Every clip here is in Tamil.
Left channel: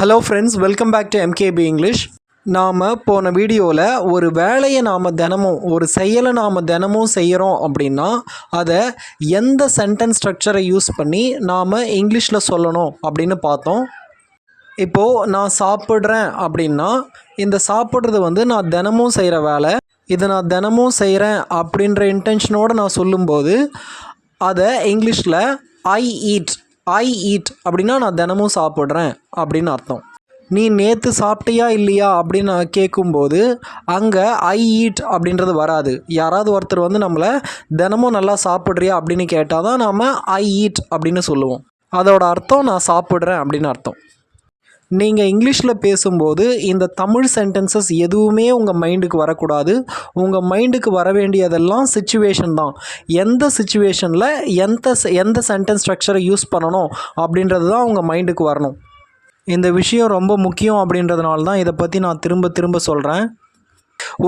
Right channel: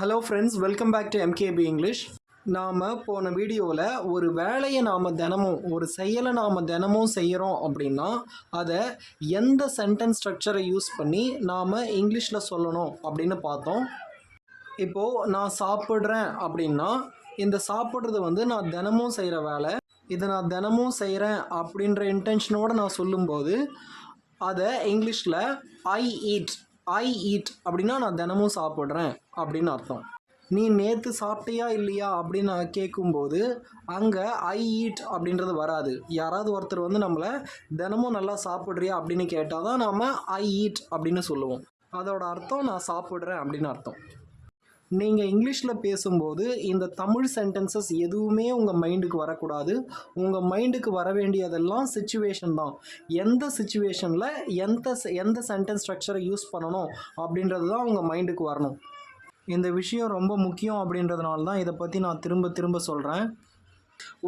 Hello friends welcome back to MKB English நாம் போன வீடியோவில் ஒரு வேலையை நாம் தினமும் ஒரு செயலை நாம் தினமும் செய்கிறோம் அப்படின்னா அதை எந்த சென்டென்ஸ் ஸ்ட்ரக்சரை யூஸ் பண்ணி நாம் இங்கிலீஷில் சொல்லணும் அப்படின்னு பார்த்தோம். இப்போது நான் சாப்பிட்றேன் அப்படின்னா இந்த சாப்பிட்றது வந்து நான் தினமும் செய்கிற வேலை இதை நான் தினமும் செய்கிறேன் அப்படின்ற இன்டென்ஷனோடு நான் சொல்லும்போது அதை இங்கிலீஷில் ஐ ஈட் ஐ ஈட் அப்படின்னா நான் தினமும் சாப்பிட்றேன் அப்படின்னு அர்த்தம். நீ நேற்று சாப்பிட்டியா இல்லையா அப்படின்னு நான் கேட்கும்போது அங்கே ஐ ஈட் அப்படின்றது வராது. யாராவது ஒருத்தர் வந்து நம்மளை தினமும் நல்லா சாப்பிட்றியா அப்படின்னு கேட்டால் தான் நாம் ஐ ஈட் அப்படின்னு சொல்லுவோம். அதோட அர்த்தம் நான் சாப்பிட்றேன் அப்படின்னு அர்த்தம். நீங்கள் இங்கிலீஷில் பேசும்போது இந்த தமிழ் சென்டென்சஸ் எதுவுமே உங்கள் மைண்டுக்கு வரக்கூடாது. உங்கள் மைண்டுக்கு வர வேண்டியதெல்லாம் சுச்சுவேஷன் தான். எந்த சுச்சுவேஷனில் எந்த எந்த சென்டென்ஸ் ஸ்ட்ரக்சரை யூஸ் பண்ணணும் அப்படின்றது தான் உங்கள் மைண்டுக்கு வரணும். இந்த விஷயம் ரொம்ப முக்கியம் அப்படின்றதுனால தான் இதை பற்றி நான் திரும்ப திரும்ப சொல்கிறேன்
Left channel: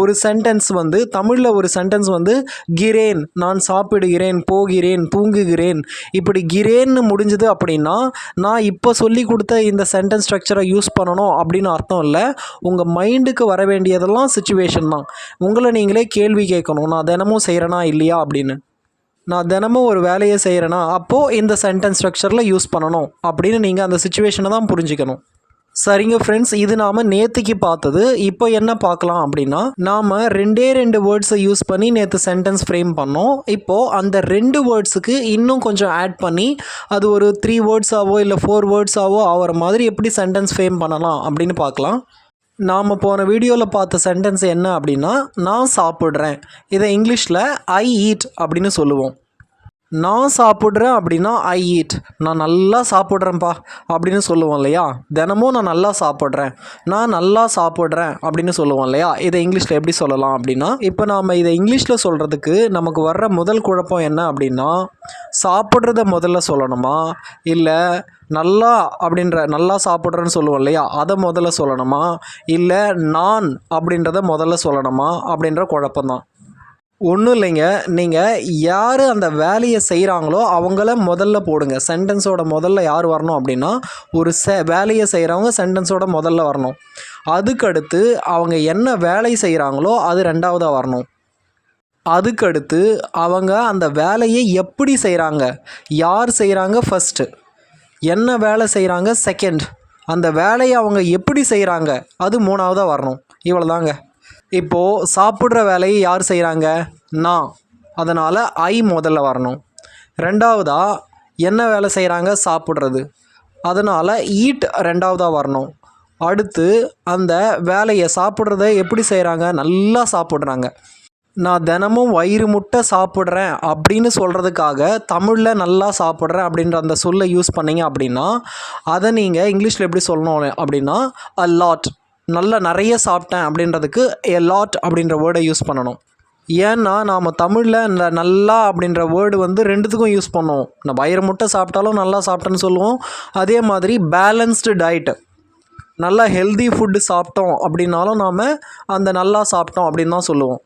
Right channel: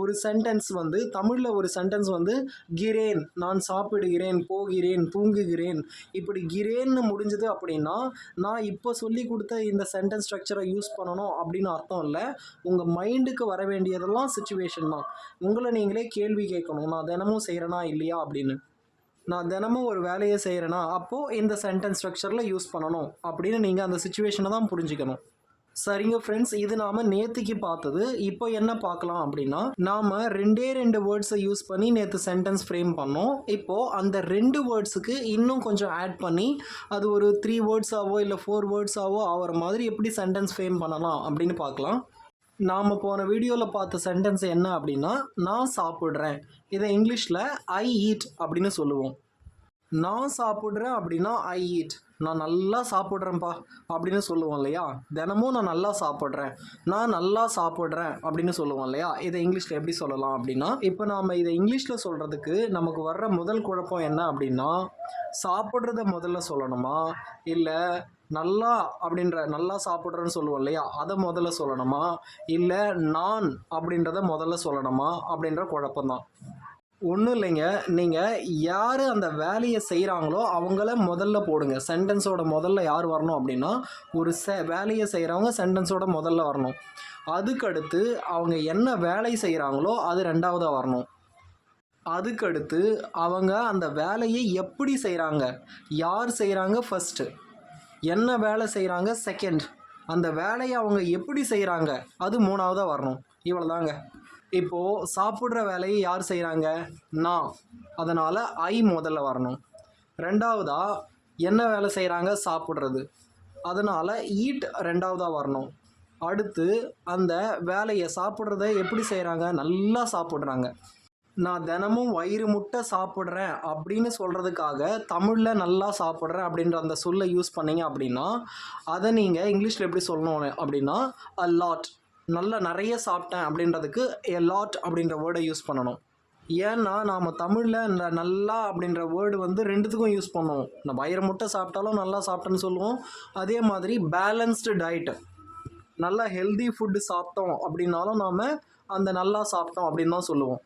ஒரு சென்டென்ஸ் வந்து தமிழில் ஒரு சென்டென்ஸ் வந்து கிரேன் நான் சாப்பிடுகிறேன் போகிறேன் தூங்குகிறேன். இப்படி கிரேன்னு முடிஞ்சது அப்படின்னா நான் இப்போ சொல்லி கொடுத்த இந்த சென்டென்ஸ் ஸ்ட்ரக்சரை யூஸ் பண்ணணும் அப்படின்னு அர்த்தம் இல்லை. உங்கள் மைண்டுக்கு வர வேண்டியதெல்லாம் சுச்சுவேஷன் தான். உங்களை நீங்களே கேள்வி கேட்கணும். நான் தினமும் செய்கிறேனா இல்லையா அப்படின்னு. நான் தினமும் ஒரு வேலையை செய்கிறேன்னா அப்போது இந்த சென்டென்ஸ் ஸ்ட்ரக்சரில் யூஸ் பண்ணணும் அப்படின்னு நீங்கள் அந்த சுச்சுவேஷனை தான் புரிஞ்சுக்கணும். சரிங்க ஃப்ரெண்ட்ஸ் இது நாம் நேற்றுக்கு பார்த்தது. இப்போ என்ன பார்க்கலாம் அப்படின்னா நாம் ரெண்டே ரெண்டு வேர்ட்ஸை யூஸ் பண்ணி நேற்று சென்டென்ஸ் ஃப்ரேம் பண்ணோம். இப்போது அந்த ரெண்டு வேர்ட்ஸுக்கு இன்னும் கொஞ்சம் ஆட் பண்ணி அது ஒரு த்ரீ வேர்ட்ஸாவோ இல்லை ஃபோர் வேர்ட்ஸாவோ ஆகிற மாதிரி எப்படி சென்டென்ஸ் ஃப்ரேம் பண்ணலாம் அப்படின்னு பார்க்கலாம். நாம் போன வீடியோவில் பார்த்த சென்டென்ஸ் என்ன அப்படின்னா நான் சாப்பிட்றேன். இதை இங்கிலீஷில் ஐ ஈட் அப்படின்னு சொல்லுவோம். நான் சாப்பிட்றேன் அப்படின்னா ஐ ஈட் நான் நல்லா சாப்பிட்றேன்ப்பா அப்படின்னு சொல்லுவோம் இல்லையா? தினமும் நான் நல்லா சாப்பிட்றேன். நான் நல்லா சாப்பிட்றேன் அப்படின்னு சொல்லுவோம் இல்லையா? இதை இங்கிலீஷில் எப்படி சொல்லலாம் அப்படின்னா இப்போ நாம் இதை இங்கிலீஷில் சொல்கிறதுக்கு நமக்கு வர்ற முதல் குழப்பம் என்ன அப்படின்னா சாப்பிட்றத முதல்ல சொல்லணுமா? இல்லை நல்லா அப்படின்ற நல்லா சாப்பிட்றேன்னு சொல்லுவோம் இல்லையா? அதை முதல்ல சொல்லணுமா? இல்லை நான் அப்படின்றத முதல்ல சொல்லணுமா? அப்படின்ற குழப்பம்தான். ஒன்றும் இல்லைங்க. நீங்கள் யார் அந்த வேலையை செய்கிறாங்களோ அவங்கள முதல்ல போடுங்க. சென்டென்ஸோட முதல்ல யார் வரணும் அப்படின்னா ஒரு செ வேலையை செய்கிறவங்க சென்டென்ஸோட முதல்ல வரணும். அதுக்கடுத்து அவங்க என்ன வேலை செய்கிறாங்களோ அது ரெண்டாவதாக வரணும். அதுக்கடுத்து அவங்க அந்த வேலையை எப்படி செய்கிறாங்க யார் செய்கிறாங்க ஃபஸ்ட்டு என்ன வேலை செய்கிறாங்க செகண்ட் அந்த வேலையை அவங்க எப்படி செய்கிறாங்க அது மூணாவதாக வரணும். இவ்வளோதாங்க இப்போது சாப்பிட்ற வேலையை யார் செய்கிறாங்க நான். அதனால் ஐ முதல்ல வரணும். ரெண்டாவதாக என்ன வேலை செய்கிறாங்க சாப்பிட்றது. அதனால் ஈட் ரெண்டாவதாக வரணும். அடுத்து அந்த வேலையை சாப்பிட்றத எப்படி செய்கிறாங்க நல்லா சாப்பிட்றாங்க. நான் தினமும் வயிறு முட்டை சாப்பிட்றேன் அப்படின்னு சொல்கிறதுக்காக தமிழில் நல்லா சாப்பிட்றேன் அப்படின்ற அந்த சொல்லை யூஸ் பண்ணிங்க அப்படின்னா அதை நீங்கள் இங்கிலீஷில் எப்படி சொல்லணும் அப்படின்னா அ லாட் நல்லா நிறைய சாப்பிட்டேன் அப்படின்றதுக்கு எ லாட் அப்படின்ற வேர்டை யூஸ் பண்ணணும். ஏன்னா நாம் தமிழில் இந்த நல்லா அப்படின்ற வேர்டு வந்து ரெண்டுத்துக்கும் யூஸ் பண்ணுவோம். நம்ம வயிறு முட்டை சாப்பிட்டாலும் நல்லா சாப்பிட்டேன்னு சொல்லுவோம். அதே மாதிரி பேலன்ஸ்டு டயட்டு நல்லா ஹெல்தி ஃபுட்டு சாப்பிட்டோம் அப்படின்னாலும் நாம் அந்த நல்லா சாப்பிட்டோம் அப்படின்னு தான் சொல்லுவோம்.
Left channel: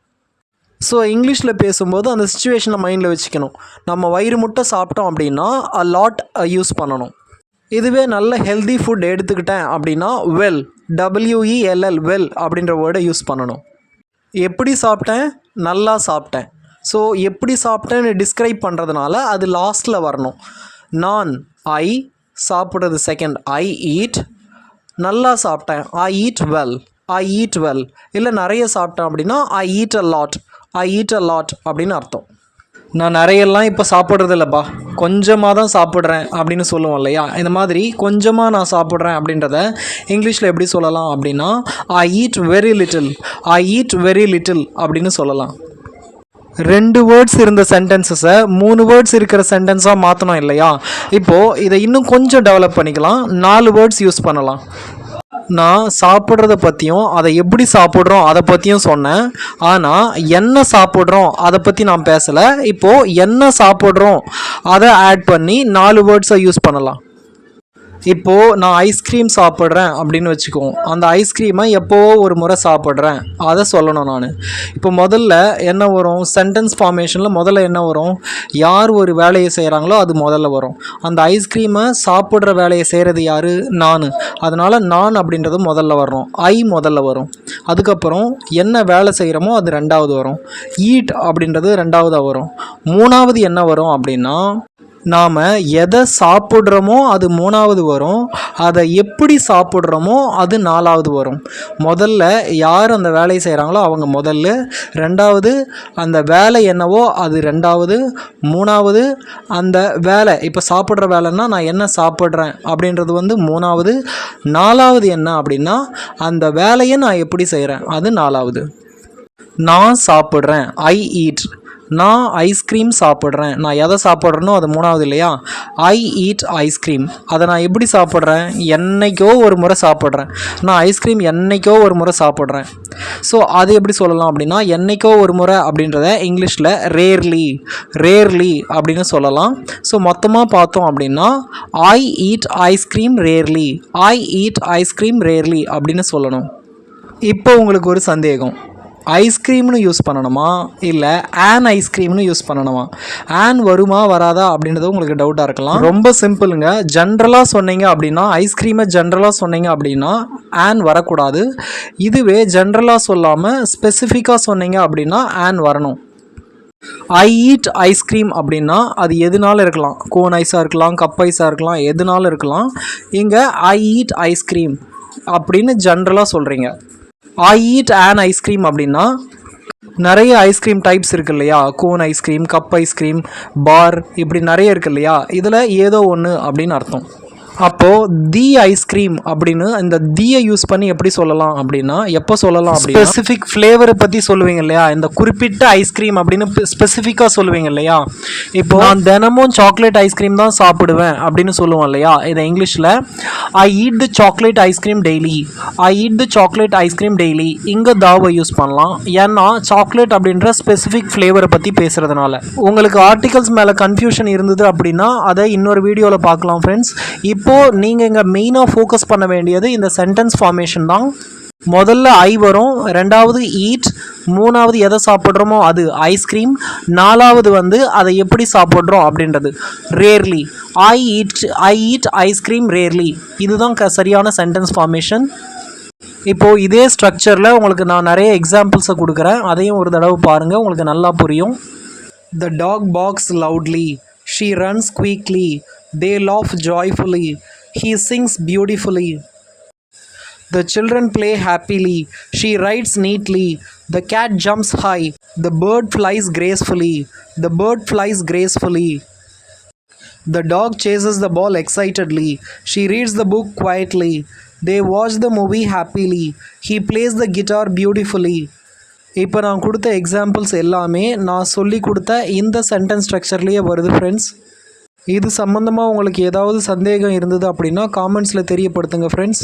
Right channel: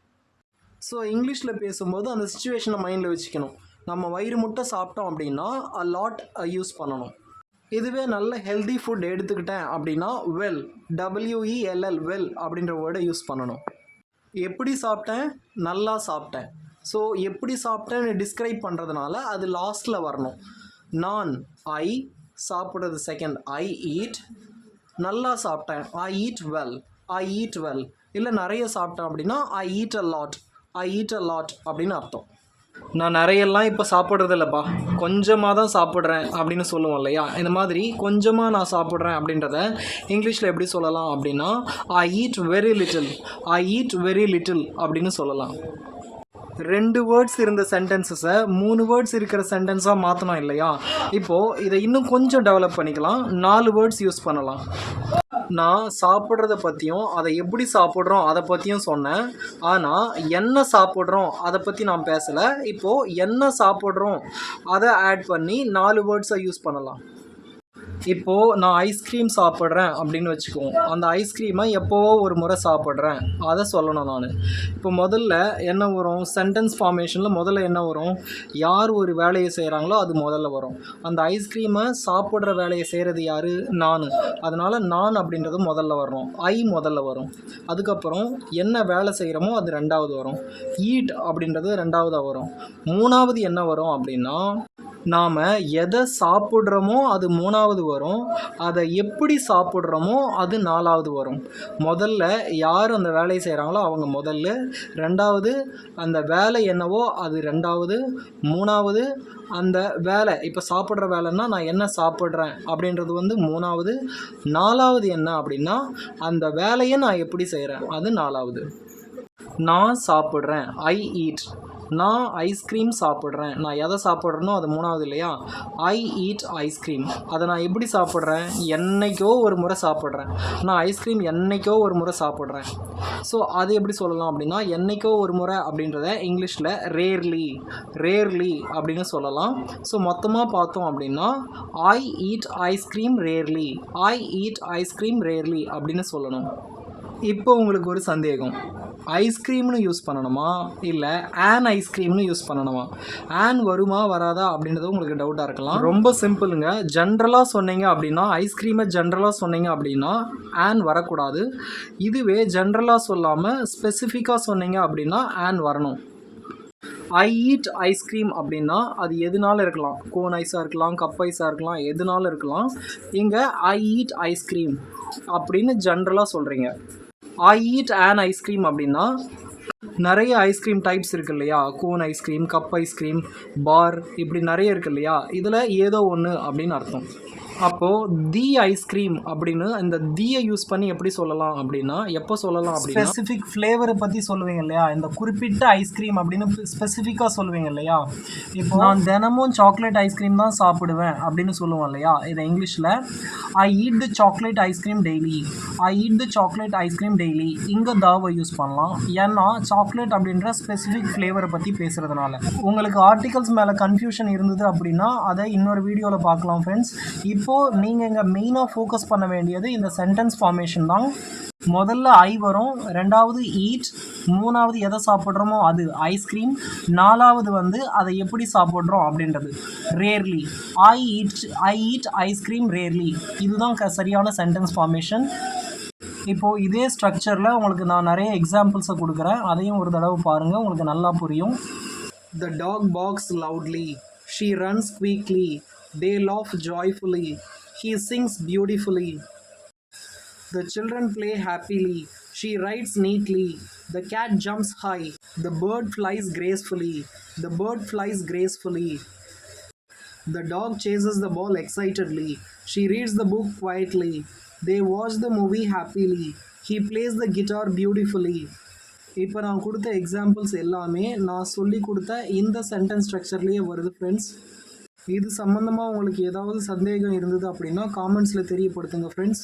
ஸோ இங்கிலீஷில் பேசும்போது அந்த சுச்சுவேஷனை மைண்டில் வச்சுக்கணும். நம்ம வயிறு முட்டை சாப்பிட்டோம் அப்படின்னா அ லாட் யூஸ் பண்ணணும். இதுவே நல்ல ஹெல்தி ஃபுட் எடுத்துக்கிட்டேன் அப்படின்னா வெல் டபிள்யூஇஎல்எல் வெல் அப்படின்ற வேர்டை யூஸ் பண்ணணும். எப்படி சாப்பிட்டேன்? நல்லா சாப்பிட்டேன். ஸோ எப்படி சாப்பிட்டேன்னு டிஸ்கிரைப் பண்ணுறதுனால அது லாஸ்ட்டில் வரணும். நான் ஐ சாப்பிட்றது செகண்ட் ஐ ஈட் நல்லா சாப்பிட்டேன். I eat well I eat well இல்லை நிறைய சாப்பிட்டேன் அப்படின்னா I eat a lot I eat a lot அப்படின்னு அர்த்தம். நான் நிறையெல்லாம் இப்போ சாப்பிட்றது இல்லைப்பா கொஞ்சமாக தான் சாப்பிட்றேன் அப்படின்னு சொல்லுவோம் இல்லையா? இந்த மாதிரி கொஞ்சமாக நான் சாப்பிட்றேன் அப்படின்றத இங்கிலீஷில் எப்படி சொல்லலாம் அப்படின்னா I eat very little I eat very little அப்படின்னு சொல்லலாம். ரெண்டு வேர்ட்ஸ் இருந்த சென்டென்சஸை மூணு வேர்ட்ஸ் இருக்கிற சென்டென்ஸாக மாற்றணும் இல்லையா? இப்போது இதை இன்னும் கொஞ்சம் டெவலப் பண்ணிக்கலாம். நாலு வேர்ட்ஸ் யூஸ் பண்ணலாம். நான் சாப்பிட்றத பற்றியும் அதை எப்படி சாப்பிட்றோம் அதை பற்றியும் சொன்னேன். ஆனால் என்ன சாப்பிட்றோம் அதை பற்றி நான் பேசலை. இப்போது என்ன சாப்பிட்றோம் அதை ஆட் பண்ணி நாலு வேர்ட்ஸை யூஸ் பண்ணலாம். இப்போது நான் ஐஸ்கிரீம் சாப்பிட்றேன் அப்படின்னு வச்சுக்குவோம். அந்த ஐஸ்கிரீமை எப்போவோ ஒரு முறை சாப்பிட்றேன்? அதை சொல்லணும் நான். இப்போ முதல்ல என்ன வரும்? சென்டென்ஸ் ஃபார்மேஷனில் முதல்ல என்ன வரும்? யார் ஒரு வேலையை செய்கிறாங்களோ அது முதல்ல வரும். அந்த ஐஸ்கிரீமை சாப்பிட்ற வேலையை செய்கிறது யார்? நான். அதனால் நான் அப்படின்றது முதல்ல வரும் ஐ முதல்ல வரும். அதுக்கப்புறம் என்ன வேலை செய்கிறோமோ அது ரெண்டாவது வரும். ஈட் அப்படின்றது ரெண்டாவதாக வரும். மூணாவது என்ன வரும் அப்படின்னா நாம் எதை சாப்பிட்றோமோ அது மூணாவது வரும். அதை எப்படி சாப்பிட்றோமோ அது நாலாவது வரும். முதல்ல யார் அந்த வேலையை செய்கிறாங்களோ அவங்க முதல்ல. ரெண்டாவது அந்த வேலை என்னவோ அது ரெண்டாவது. மூணாவது அந்த வேலை இப்போ சாப்பிட்ற வேலைன்னா நான் என்ன சாப்பிட்றேன் அப்படின்றது வந்து மூணாவது. நாலாவது என்ன அப்படின்னா அந்த வேலையை நான் எப்படி செய்கிறேன் அது நாலாவது. நான் சாப்பிட்றேன். ஐ ஈட் நான் ஐஸ்கிரீம் சாப்பிட்றேன். நான் எதை சாப்பிட்றேனோ அது மூணாவது இல்லையா? ஐ ஈட் ஐஸ்கிரீம் அதை நான் எப்படி சாப்பிட்றேன்? என்னைக்கோ ஒரு முறை சாப்பிட்றேன். நான் ஐஸ்கிரீம் என்றைக்கோ ஒரு முறை சாப்பிட்றேன். ஸோ அது எப்படி சொல்லலாம் அப்படின்னா என்னைக்கோ ஒரு முறை அப்படின்றத இங்கிலீஷில் ரேர்லி ரேர்லி அப்படின்னு சொல்லலாம். ஸோ மொத்தமாக பார்த்தோம் அப்படின்னா I eat ice cream rarely I eat ice cream rarely அப்படின்னு சொல்லணும். இப்போ உங்களுக்கு ஒரு சந்தேகம். ஐஸ்கிரீம்னு யூஸ் பண்ணணுமா? இல்லை ஆன் ஐஸ்கிரீம்னு யூஸ் பண்ணணுமா? ஆன் வருமா வராதா? அப்படின்றது உங்களுக்கு டவுட்டாக இருக்கலாம். ரொம்ப சிம்பிளுங்க ஜென்ரலாக சொன்னீங்க அப்படின்னா ஐஸ்கிரீமை ஜென்ரலாக சொன்னீங்க அப்படின்னா ஆன் வரக்கூடாது. இதுவே ஜென்ரலாக சொல்லாமல் ஸ்பெசிஃபிக்காக சொன்னீங்க அப்படின்னா ஆன் வரணும். ஐ ஈட் ஐஸ்கிரீம் அப்படின்னா அது எதுனாலும் இருக்கலாம்? கோன் ஐஸாக இருக்கலாம் கப் ஐஸாக இருக்கலாம் எதுனாலும் இருக்கலாம்? இங்கே ஐ ஈட் ஐஸ்கிரீம் அப்படின்னு ஜென்ரலாக சொல்கிறீங்க ஐ ஈட் ஆன் ஐஸ்கிரீம் அப்படின்னா நிறைய ஐஸ்கிரீம் டைப்ஸ் இருக்கு இல்லையா? Cone ice cream cup ice cream bar இப்படி நிறைய இருக்கு இல்லையா? இதில் ஏதோ ஒன்று அப்படின்னு அர்த்தம். அப்போது தி ஐஸ்கிரீம் அப்படின்னு இந்த தீயை யூஸ் பண்ணி எப்படி சொல்லலாம்? அப்படின்னா எப்போ சொல்லலாம் ஸ்பெசிஃபிக் ஃப்ளேவரை பற்றி சொல்லுவீங்க இல்லையா? இந்த குறிப்பிட்ட ஐஸ்கிரீம் அப்படின்னு ஸ்பெசிஃபிக்காக சொல்லுவீங்க இல்லையா? இப்போ நான் தினமும் சாக்லேட் ஐஸ்கிரீம் தான் சாப்பிடுவேன் அப்படின்னு சொல்லுவோம் இல்லையா? இதை இங்கிலீஷில் I eat the chocolate ice cream daily I eat the chocolate ice cream daily இங்கே தாவை யூஸ் பண்ணலாம். ஏன்னா சாக்லேட் அப்படின்ற ஸ்பெசிஃபிக் ஃப்ளேவரை பற்றி பேசுகிறதுனால உங்களுக்கு ஆர்டிகல்ஸ் மேலே கன்ஃபியூஷன் இருந்தது அப்படின்னா அதை இன்னொரு வீடியோவில் பார்க்கலாம் ஃப்ரெண்ட்ஸ் இப்போது நீங்கள் இங்கே மெயினாக ஃபோக்கஸ் பண்ண வேண்டியது இந்த சென்டென்ஸ் ஃபார்மேஷன் தான். முதல்ல ஐ வரும் ரெண்டாவது ஈட் மூணாவது எதை சாப்பிட்றோமோ அது ஐஸ்கிரீம் நாலாவது வந்து அதை எப்படி சாப்பிட்றோம் அப்படின்றது. Rarely I eat I eat ice cream rarely இதுதான் க சரியான சென்டென்ஸ் ஃபார்மேஷன் இப்போது இதே ஸ்ட்ரக்சரில் உங்களுக்கு நான் நிறைய எக்ஸாம்பிள்ஸை கொடுக்குறேன். அதையும் ஒரு தடவை பாருங்கள் உங்களுக்கு நல்லா புரியும். The dog barks loudly she runs quickly They laugh joyfully he sings beautifully The children play happily. She rides neatly. The cat jumps high. The bird flies gracefully. The bird flies gracefully. The dog chases the ball excitedly. She reads the book quietly. They watch the movie happily. He plays the guitar beautifully. இப்போ நான் கொடுத்த எக்ஸாம்பிள்ஸ் எல்லாமே நான் சொல்லி கொடுத்த இந்த சென்டென்ஸ் ஸ்ட்ரக்சர்லேயே வருது ஃப்ரெண்ட்ஸ் இது சம்மந்தமாக உங்களுக்கு ஏதாவது சந்தேகம் இருந்தது அப்படின்னா காமெண்ட்ஸில் தெரியப்படுத்துங்க ஃப்ரெண்ட்ஸ்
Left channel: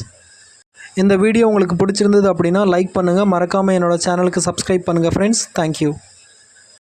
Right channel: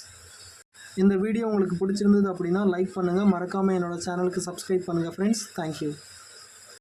இந்த வீடியோ உங்களுக்கு பிடிச்சிருந்தது அப்படின்னா லைக் பண்ணுங்கள் மறக்காமல் என்னோட சேனலுக்கு சப்ஸ்கிரைப் பண்ணுங்கள் ஃப்ரெண்ட்ஸ் தேங்க்யூ